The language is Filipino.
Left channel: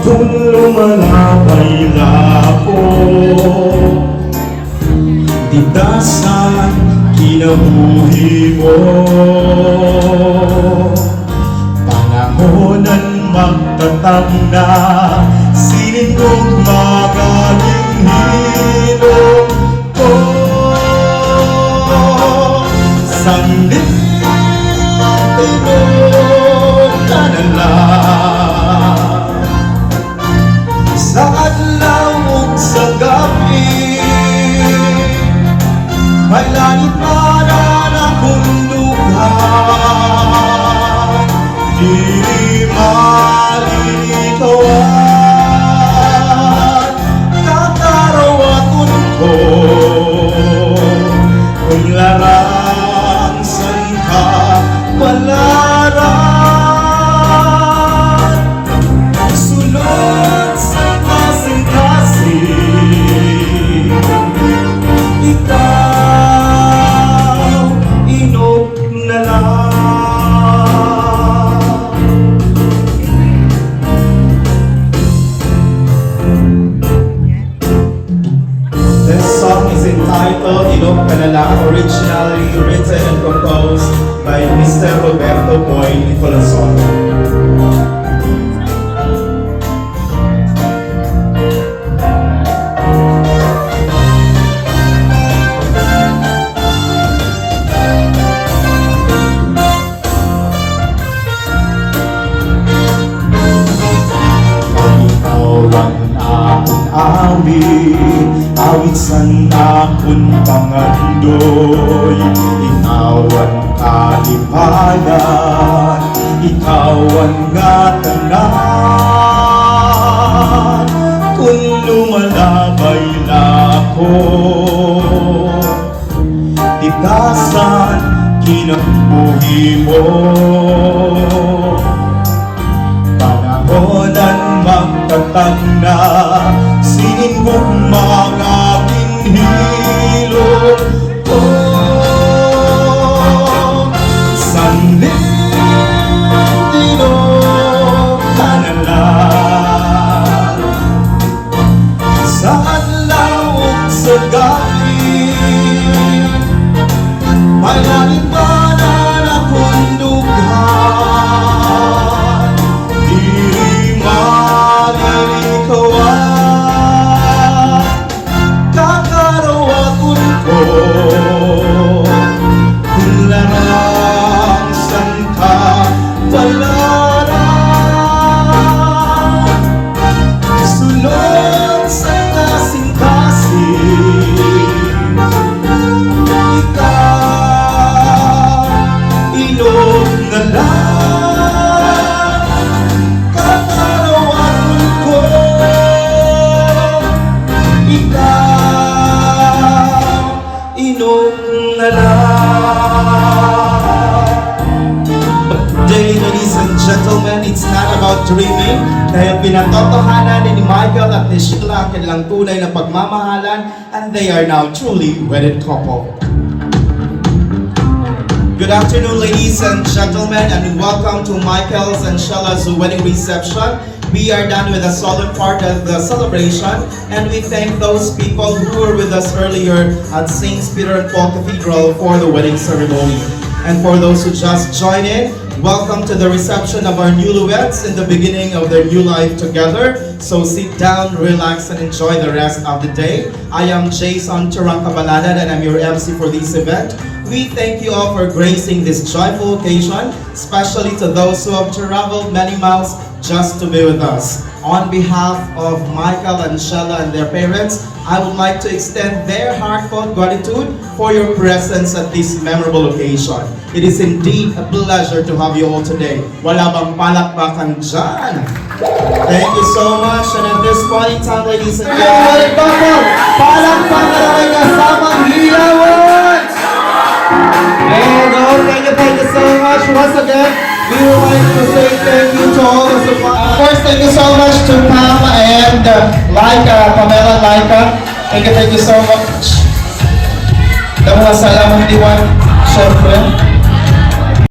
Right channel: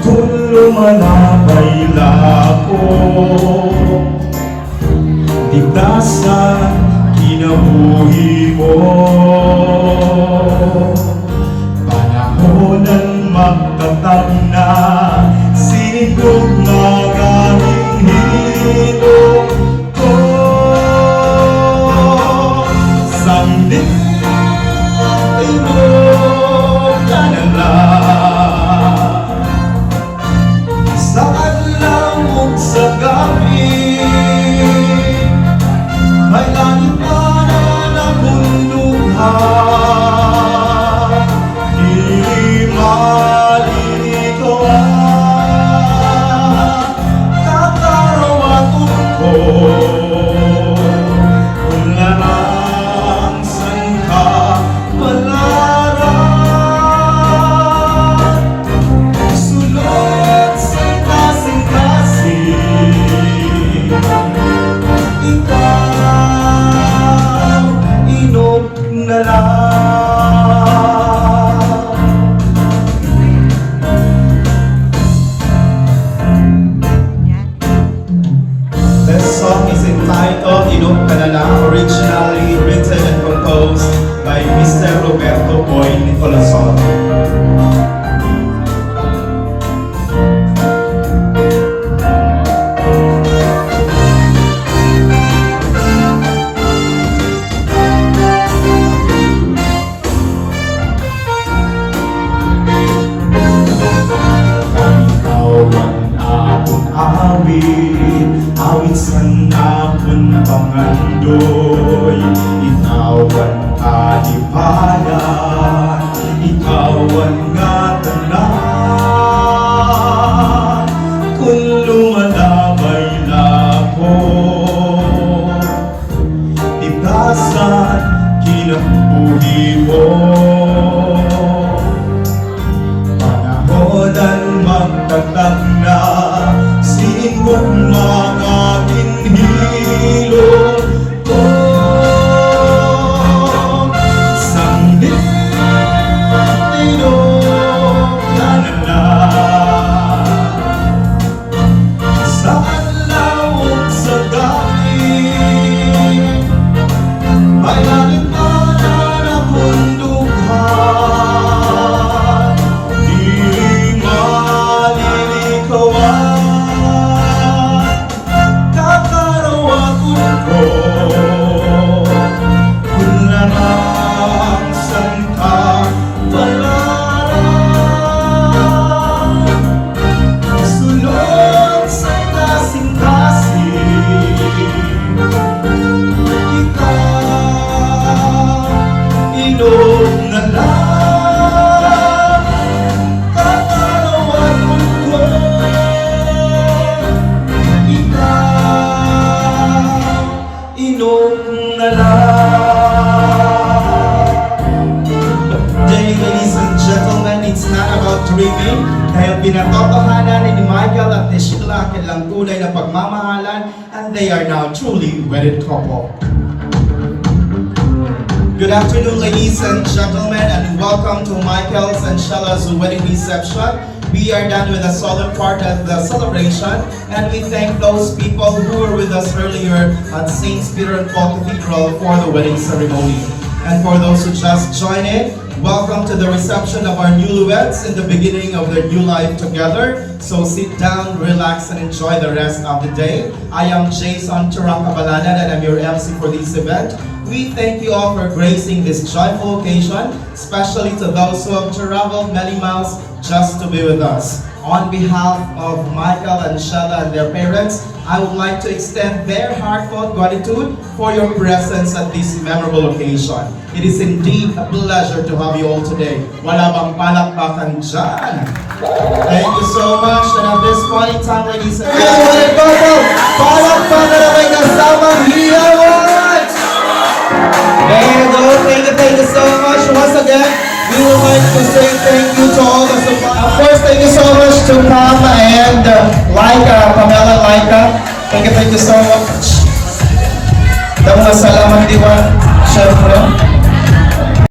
Kung lumalabay na ako, ditasan kinabuhi mo. Panahon ang magtatag na sinong magiging hilo ko. Sanglit sa adlaw ug sa gabi, may langit man ang bundughan, di malilikawan, kakarawaton ko, kung larang sa'y kawalan. Inog Ka Na Lang, originally written and composed by Mr. Roberto Boy Nicolason. Awit san akong pangandoy, ikaw ang kalipanan, ikaw ang ngatanan. Kung lumalabay na ako, itasan kinabuhi mo. Panahon ang magtatag na sinimong mga kinhilo ko. Sanglit inog ka na lang, sa adlaw ug sa gabi, may langit man ang bundughan, di malilikawan. Ladies and gentlemen, it's not about dreaming, dahil pinatotohanan ni Michael at ni Sheila ang kanilang tunay na pagmamahalan, and they are now truly wedded couple. Good afternoon, ladies and gentlemen, and welcome to Michael's and Sheila's wedding reception. We are done with the solemn part of the celebration, and we thank those people who were with us earlier at St. Peter and Paul Cathedral for the wedding ceremony. And for those who just joined in, welcome to the reception of our newlyweds in the beginning of their new life together. So sit down, relax, and enjoy the rest of the day. I am Jason Turangkabalada, and I'm your MC for this event. We thank you all for gracing this joyful occasion, especially to those who have traveled many miles just to be with us. On behalf of Michael and Sheila and their parents, I would like to extend their heartfelt gratitude for your presence at this memorable occasion. It is indeed a pleasure to have you all today. Wala bang palakpakan dyan? Thank you so much. And at this point in time, ladies and gentlemen, palakpakan na may kasamang hiyawan! And thank you so much. Once again, we would like to say thank you to all the supporters. Of course, thank you so much to Pam and Pamela Laika. Thank you so much. Salamat Diwan, syempre.